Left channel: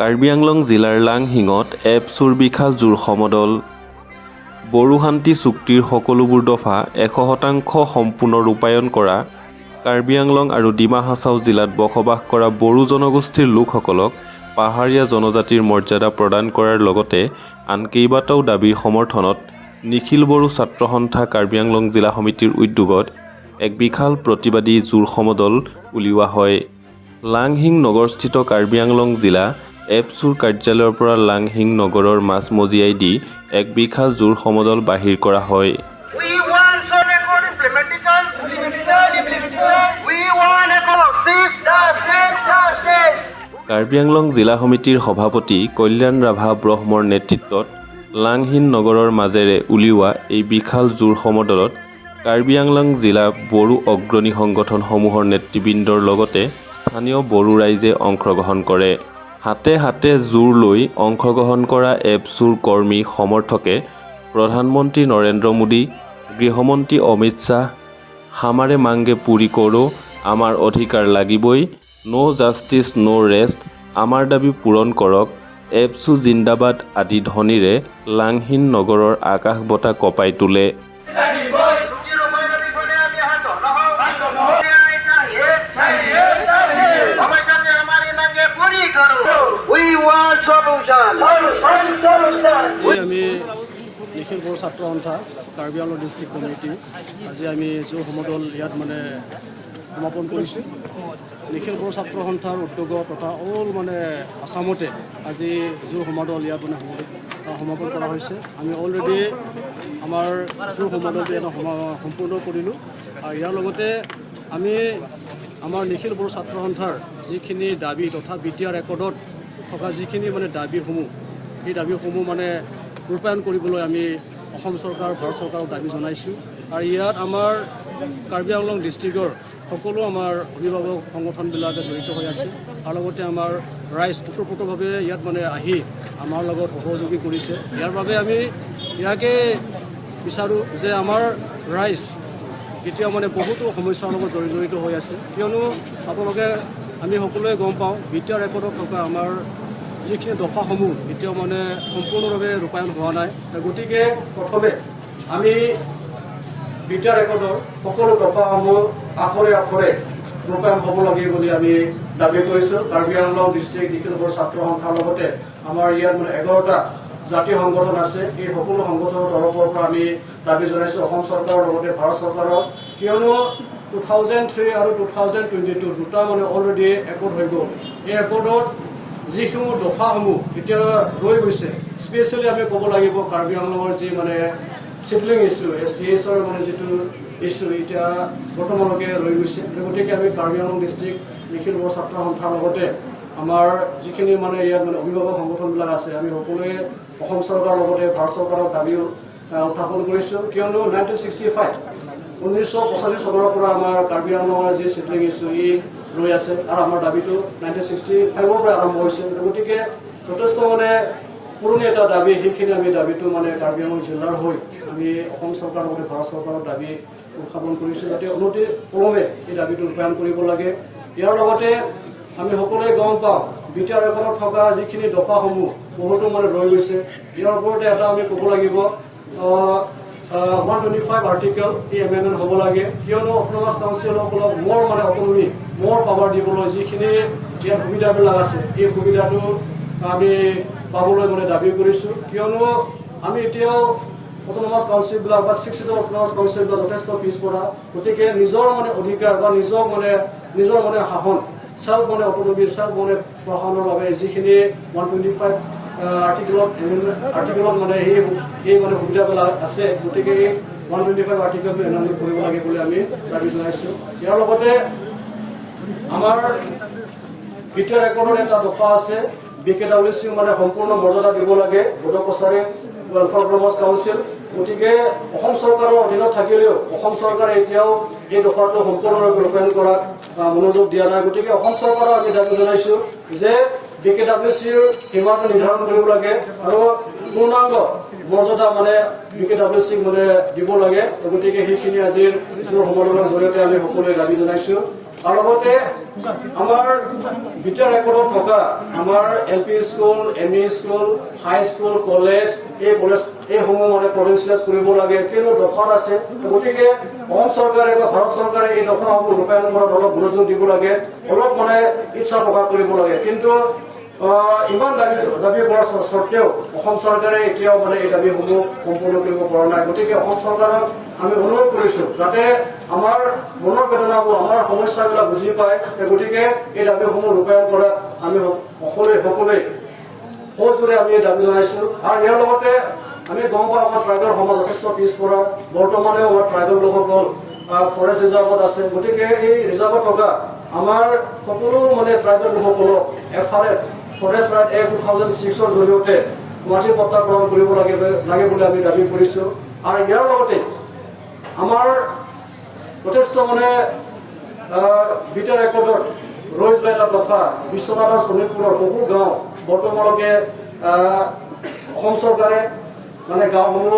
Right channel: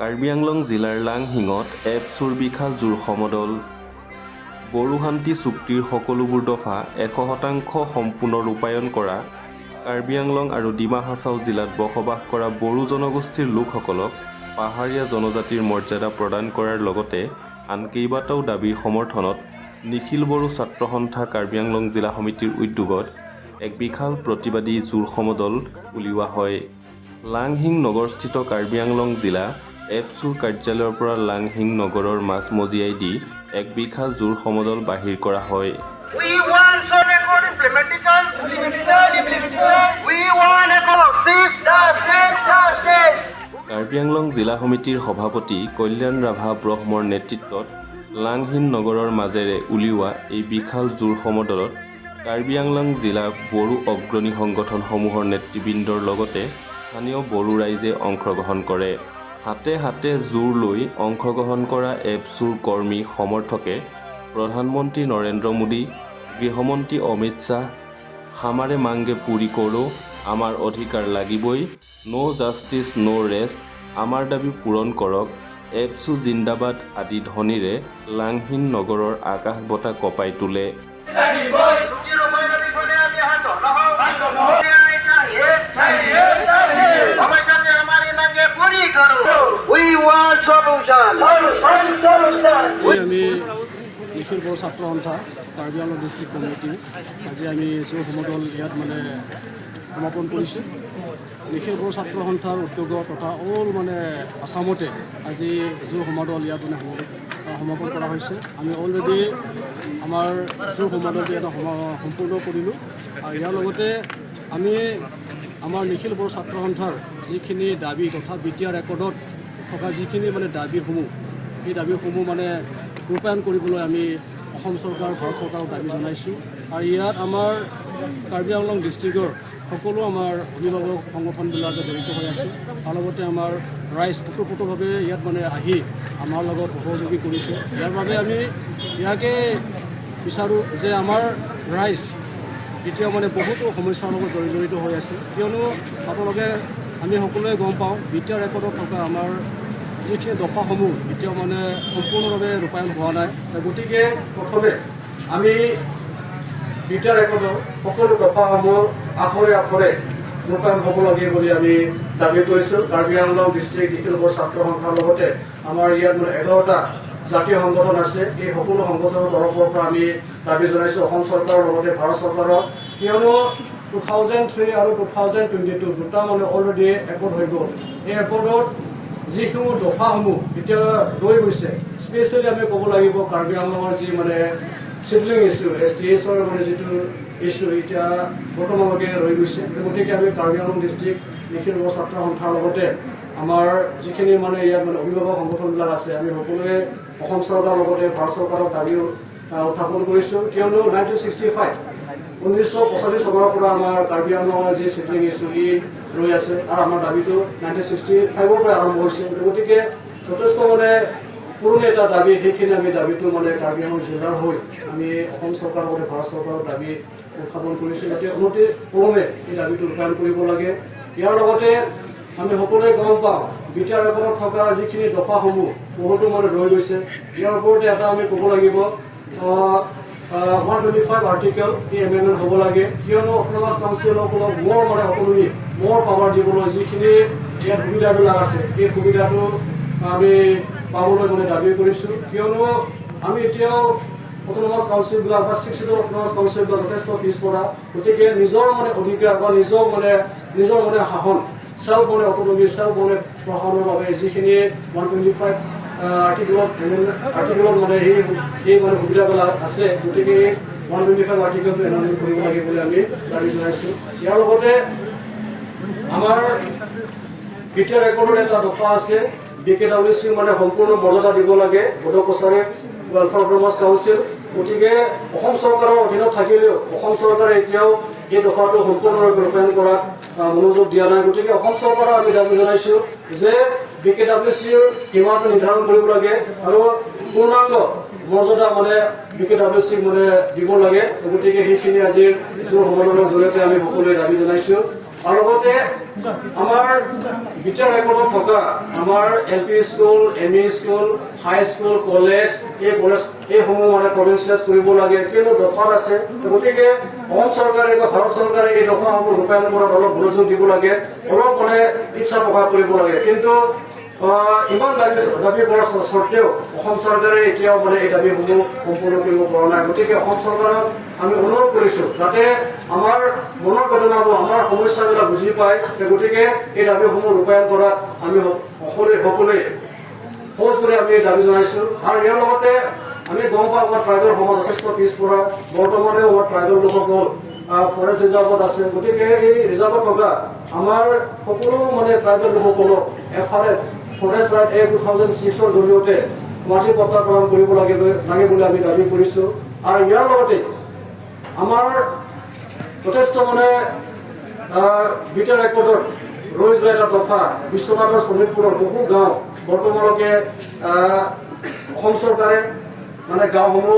কাৰ্বি আংলং জিলাৰ লাংহিঙত এপছুৰ বিশাল জোৰ সমদল। বড়ো শান্তি চুক্তিৰ সকলোবোৰ দফা 100% সম্পূৰ্ণ ৰূপায়ণ কৰা। কাৰ্বি আংলং আৰু ডিমা হাছাও জিলাত বসবাস কৰা বড়ো জনগোষ্ঠীৰ লোকসকলক পাহাৰীয়া জনজাতিৰ মৰ্যাদা প্ৰদান কৰাৰ লগতে আন কেইবাটাও দাবীৰ সমৰ্থনত নিখিল বড়ো ছাত্ৰ সন্থা কাৰ্বি আংলং জিলা সমিতিৰ উদ্যোগত এক বিশাল প্ৰতিবাদী জোৰ সমদল উলিওৱা হয়। লাংহিং নগৰস্থিত কাৰ্বি আংলং জিলা এপছুৰ কাৰ্যালয়ৰ পৰা লাংহিং নগৰৰ মাজমজিয়াই দি এক বিশাল জোৰ সমদল বাহিৰ কৰা হয়। কাৰ্বি আংলং জিলা সমিতিৰ সভাপতি কল্যাণ ৰাভা ব্ৰহ্মৰ নেতৃত্বত লাংহিং নগৰৰ মাজেৰে উলিওৱা এই বিশাল জোৰ সমদলত কাৰ্বি আংলং জিলা বড়ো অগ্ৰণী সংগঠনসমূহৰ নেতৃবৃন্দৰ লগতে স্থানীয় বড়ো ৰাইজে অংশগ্ৰহণ কৰে। হাতে হাতে জোৰ লৈ অংশগ্ৰহণ কৰা এপছুৰ কৰ্মী সমৰ্থকে প্ৰধানমন্ত্ৰী নৰেন্দ্ৰ মোদী, গৃহমন্ত্ৰী অমিত শ্বাহ, হামাৰে মাংগে পুৰি কৰো, আমাৰ অধিকাৰ লাগিবই, ন' জাষ্টিছ ন' ৰেষ্ট, আমাৰ দাবী পূৰণ কৰক, এপছু জিন্দাবাদ আদি ধ্বনিৰে লাংহিং নগৰৰ আকাশ বঁটা কঁপাই তোলে। আমি নিখিল বড়ো ছাত্ৰ সন্থা কাৰ্বি আংলং ডিষ্ট্ৰিক্ট কমিটি আজি আমি জোৰ সমদল ইয়াত সমাপন কৰিছোঁ। নিখিল বড়ো ছাত্ৰ সন্থাৰ উদ্যোগত তথা অল আসামতে আজি জোৰ সমদল ইয়াত সমাপন কৰা হৈছে। আমি অলৰেডি আমাৰ জোৰ সমদলটো ইয়াত সম্পূৰ্ণ কৰিলোঁ আৰু ইয়াৰ লগতে আমি আমাৰ নিখিল বড়ো ছাত্ৰ সন্থাৰ যিখিনি দাবী তথা BTR ৰেকৰ্ডত থকা যিখিনি দাবীসমূহ এই দাবীসমূহ ৰূপায়ণ কৰিবলৈ আমি অসম চৰকাৰ ভাৰত চৰকাৰক দাবী জনাইছোঁ। আৰু ইয়াত আমাৰ কাৰ্বি আংলং ডিষ্ট্ৰিক্টৰ সকলো আমাৰ অভিভাৱক সংগঠনবিলাকে জড়িত হৈ আছে আৰু লগতে আমাৰ ৰাইজ ওতঃপ্ৰোতভাৱে ইয়াত আহি আমাৰ লগত সহযোগী কৰিছে। ইয়াৰ বাবে আমি ইয়াকে বিচাৰোঁ যে আমাৰ ৰাইজ এতিয়া বহুতো সমস্যাৰ লগত জড়িত হৈ আছে, কিয়নো আপোনালোকে আমি সকলোৱে গম পাওঁ BTR ৰেকৰ্ডত থকা আমাৰ যিখিনি দফাসমূহ এতিয়াও সম্পূৰ্ণভাৱে ৰূপায়ণ হোৱা নাই। গতিকে প্ৰথমে আমি BTR ৰেকৰ্ডৰ সকলো দফাসমূহ আখৰে আখৰে ৰূপায়ণ হ'ব লাগে বুলি আমি দাবী কৰিছোঁ। কাৰ্বি আংলং ডিষ্ট্ৰিক্ট নিখিল বড়ো ছাত্ৰ সন্থাৰ লগতে আমাৰ ইয়াত 11টা জাতীয় সংগঠন আছে। এই সকলো সংগঠনৰ তৰফৰ পৰা আমি দাবী জনাইছোঁ অসম চৰকাৰৰ লগতে ভাৰত চৰকাৰক, কিয়নো 2003 আৰু 2022 দুটা অলৰেডি একৰ্ড হৈ গ'ল। এই একৰ্ডত যিসমূহ দফাসমূহ এতিয়া ৰৈ গৈছে, স্পেচিয়েলি আমি ক'ব লাগিব কাৰ্বি আংলঙৰ যি চিডলিং ইছ্যু STHৰ যিটো ইছ্যু এতিয়া বৰ্তমানলৈকে ৰৈ গৈছে। গতিকে আমি কাৰ্বি আংলং ডিষ্ট্ৰিক্ট নিখিল বড়ো ছাত্ৰ সন্থাৰ লগতে আমাৰ যিখিনি ইয়াত অভিভাৱক সংগঠনবিলাক আছে, আমি সকলোৱে অসম চৰকাৰৰ লগতে ভাৰত চৰকাৰক দাবী উত্থাপন কৰিছোঁ, কিয়নো 1985 চনৰ পৰা আমাৰ কাৰ্বি আংলঙৰ যি চিডলিং ইছ্যু ই ৰৈ আছে আৰু আমাৰ দাবীটো 1965ৰ পৰা আৰম্ভ হৈছে। গতিকে যথেষ্ট পুৰণি এটা দাবী, সেইখিনি আমি দাবীটো কাৰ্বি আংলং জিলাৰ হৈ আমি অসম চৰকাৰৰ লগতে ভাৰত চৰকাৰক দাবী উত্থাপন কৰিছোঁ, যাতে অনতি পলমে এই দাবীটো ৰূপায়ণ কৰিব লাগে। ইয়াৰ লগতে আমি সকলোৱে গম পাওঁ BTR ৰেকৰ্ডত থকা যিখিনি দফাসমূহ বহুতো ৰৈ গৈছে। ইয়াৰ ওপৰতে এটা আমি ক'ব লাগিব 125 আৰ্টিকেল এই এমেণ্ডমেণ্ট হ'ব লাগে, কিয়নো অট'নমাছ কাউন্সিলসকলক মোৰ অট'নমি মোৰ পাৱাৰ দিবলৈ যিখিনি ইয়াত সুবিধাবিলাক আছে এই সুবিধাটো আমি পাবলৈ দাবী কৰিছোঁ, কিয়নো আমি এতিয়াও অট'নমাছ কাউন্সিলবিলাক বা 6 ছিটৰ অট'নমাছ কাউন্সিলবিলাক যথেষ্ট পিছপৰা। গতিকে নিজৰ অধিকাৰ বা নিজৰ শাসন চেল্ফ অট'নমি চেল্ফ প্ৰশাসনৰ বাবে যিখিনি 125 আৰ্টিকেলত এই সুবিধাবিলাক আছে, গতিকে এই 125 আৰ্টিকেলটো এমেণ্ডমেণ্ট কৰিব লাগে বুলি আমি দাবী জনাইছোঁ। ইয়াৰ লগতে আমাৰ BTR ৰেকৰ্ডৰ এটা দফা আছে, BKWC সম্পূৰ্ণ মৰ্যাদা দিব লাগে, Bodo Kachari welfare autonomous council. গতিকে অসম চৰকাৰৰ অধীনত থাকিলেও অসম চৰকাৰে এতিয়াও এই দফাটো সম্পূৰ্ণৰূপে ৰূপায়ণ কৰাত মনোযোগ দিয়া নাই। গতিকে অসম চৰকাৰক আমি দাবী জনাইছোঁ যে BKWCৰ সীমাটো নিৰ্ধাৰণ কৰিব লাগে আৰু পূৰ্ণাংগ মৰ্যাদা BKWCক দিব লাগে। গতিকে সেইখিনি আজিৰ জোৰ সমদলৰ জৰিয়তে আমি সকলোৱে দাবী জনাইছোঁ। আৰু লগতে আমাৰ বিটিআৰ ৰেকৰ্ডত থকা আমাৰ LP স্কুল, ME স্কুল, হাই স্কুল, কলেজ এইসমূহ মানে প্ৰভিঞ্চিয়েলাইজ কৰিব লাগে, কিয়নো দফা আছে। গতিকে অসম চৰকাৰে বা ভাৰত চৰকাৰে এই দফাসমূহ ৰূপায়ণ কৰাত অলপ মনোযোগ দিব লাগে, অলপ মানে ইচ্ছা প্ৰকাশ কৰিব লাগে। কিন্তু ইমান দাবী কৰাৰ স্বত্তেও অসম চৰকাৰে এতিয়াও মানে এই দাবীসমূহ সম্পূৰ্ণ কৰিব পৰা নাই। গতিকে অসম চৰকাৰক আমি অনুৰোধ কৰিছোঁ যাতে আমাৰ মনৰ বেদনাবোৰ, আমাৰ সমস্যাবিলাক বুজি পায়। গতিকে এই দাবীসমূহ ৰূপায়ণ কৰাত আমি সকলোৱে সহজ কৰি আমি দাবী জনাইছোঁ। আৰু ইয়াৰ লগতে আমি গম পাওঁ আমাৰ ট্ৰাইবেল সমাজ যথেষ্ট পিছপৰা, বৰ্তমানেও আমাৰ ট্ৰাইবেল লোকসকল ফৰেষ্ট ৰিজাৰ্ভত আছে। গতিকে এই ৰিজাৰ্ভত থকা আমাৰ সকলো মানে ট্ৰাইবেল লোকসকলক এফালে ফৰেষ্ট ৰাইট এক্ট 2006 জৰিয়তে মাটিৰ পট্টা প্ৰদান কৰিব লাগে বুলি আমি দাবী কৰিছোঁ। আৰু ইয়াৰ লগতে আমাৰ যথেষ্ট মানে বিটিআৰ ৰেকৰ্ডত ৰৈ যোৱা এটা দফা বিশ্বনাথ আৰু শোণিতপুৰৰ বহু গাঁও বৰ্তমানলৈকে অসম চৰকাৰে মানে গাঁওসমূহ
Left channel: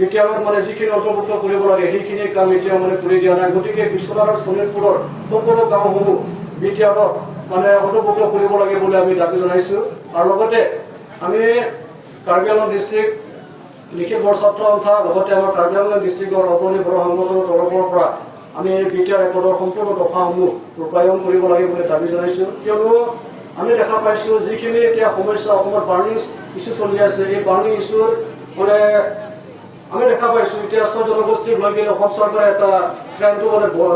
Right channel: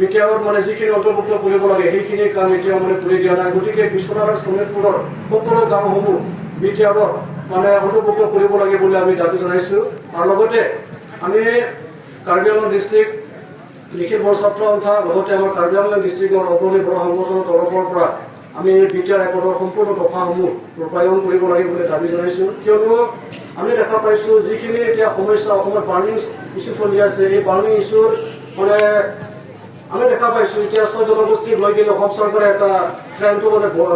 বিটিআৰত মানে যিখিনি অন্তৰ্ভুক্ত কৰিব লাগে সেইখিনি কাম এতিয়াও মানে কৰি দিয়া নাই। গতিকে বিশ্বনাথ আৰু শোণিতপুৰৰ সকলো গাঁওসমূহ বিটিআৰত মানে অন্তৰ্ভুক্ত কৰিব লাগে বুলি আমি দাবী জনাইছোঁ। আৰু লগতে আমি কাৰ্বি আংলং ডিষ্ট্ৰিক্ট নিখিল বড়ো ছাত্ৰ সন্থা লগতে আমাৰ কাৰ্বি আংলং ডিষ্ট্ৰিক্টৰ অগ্ৰণী বড়ো সংগঠনৰ তৰফৰ পৰা আমি বিটিআৰ ৰেকৰ্ডৰ সম্পূৰ্ণ দফাসমূহ ৰূপায়ণ কৰিব লাগে বুলি দাবী জনাইছোঁ। কিয়নো আমি দেখা পাইছোঁ যিখিনি এতিয়া সমস্যা অসমত বাৰ্ণিং ইছ্যু চলি আছে, এই বাৰ্ণিং ইছ্যুৰ মানে আমি দেখা পাইছোঁ এতিয়া চব জনগোষ্ঠীক লৈ কিনে অসম চৰকাৰে এটা ট্ৰেণ্ডটো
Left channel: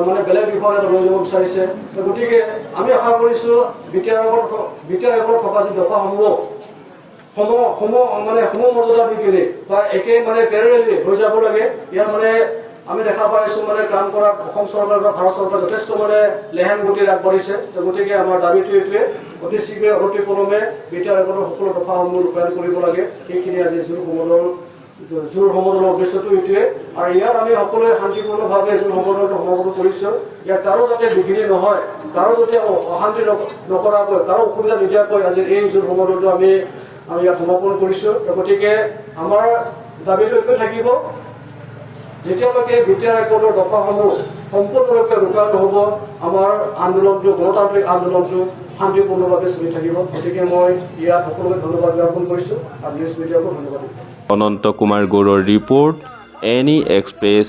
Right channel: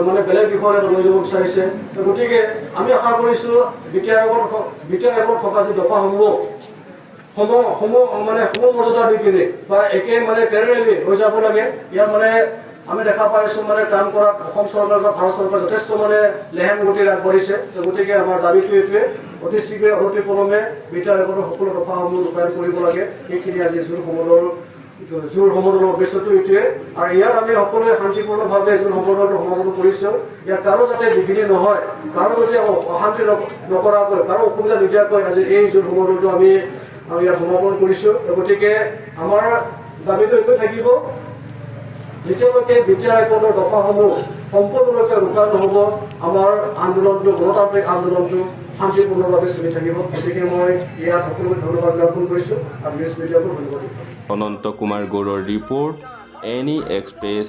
মানে বেলেগ দিশত এটা লৈ যাব বিচাৰিছে। গতিকে আমি আশা কৰিছোঁ বিটিআৰ ৰেকৰ্ডত থকা যি দফাসমূহ মৰ্যাদা দি কিনে বা একে মানে পেৰেলি হৈ যাব লাগে। ইয়াত মানে আমি দেখা পাইছোঁ মানে কাম কৰাত অসম চৰকাৰ বা ভাৰত চৰকাৰ যথেষ্ট মানে লেহেম গতিত আগবাঢ়িছে। গতিকে আমাৰ দাবীটো এইটোৱে, অতি শীঘ্ৰে অতি পলমে বিটিআৰ ৰেকৰ্ডৰ সকলো দফাসমূহ ৰূপায়ণ কৰিব লাগে। সেইখিনি আজি জোৰ সমদলৰ উদ্দেশ্যটো এইটোৱে। আৰু ইয়াত আমি সকলোৱে শান্তিপূৰ্ণভাৱে জোৰ সমদলটো সমাপন কৰিছোঁ। ইয়াত কাৰো যাতে বিঘিনি নহয়, কাৰো যাতে অশান্তি নকৰাকৈ, কাৰো অসুবিধা নিদিয়াকৈ আজি এই জোৰ সমদলটো আমি ইয়াত সমাপন কৰিছোঁ। গতিকে আমাৰ দাবীটো এইটোৱে থাকিব, যেতিয়ালৈকে বিটিআৰ ৰেকৰ্ডৰ দফাসমূহ সম্পূৰ্ণৰূপে ৰূপায়ণ নহ'ব আমাৰ আন্দোলনটো, গণতান্ত্ৰিক আন্দোলনটো শান্তিপূৰ্ণভাৱে চলি থাকিব। গতিকে মই ইয়াত সকলোকে ধন্যবাদ জ্ঞাপন কৰিছোঁ আৰু নিউজ মিডিয়াকো ধন্যবাদ দিছোঁ। অনন্ত কুমাৰ গৌড়ৰ ৰিপৰ্ট, এনি এক্সপ্ৰেছ।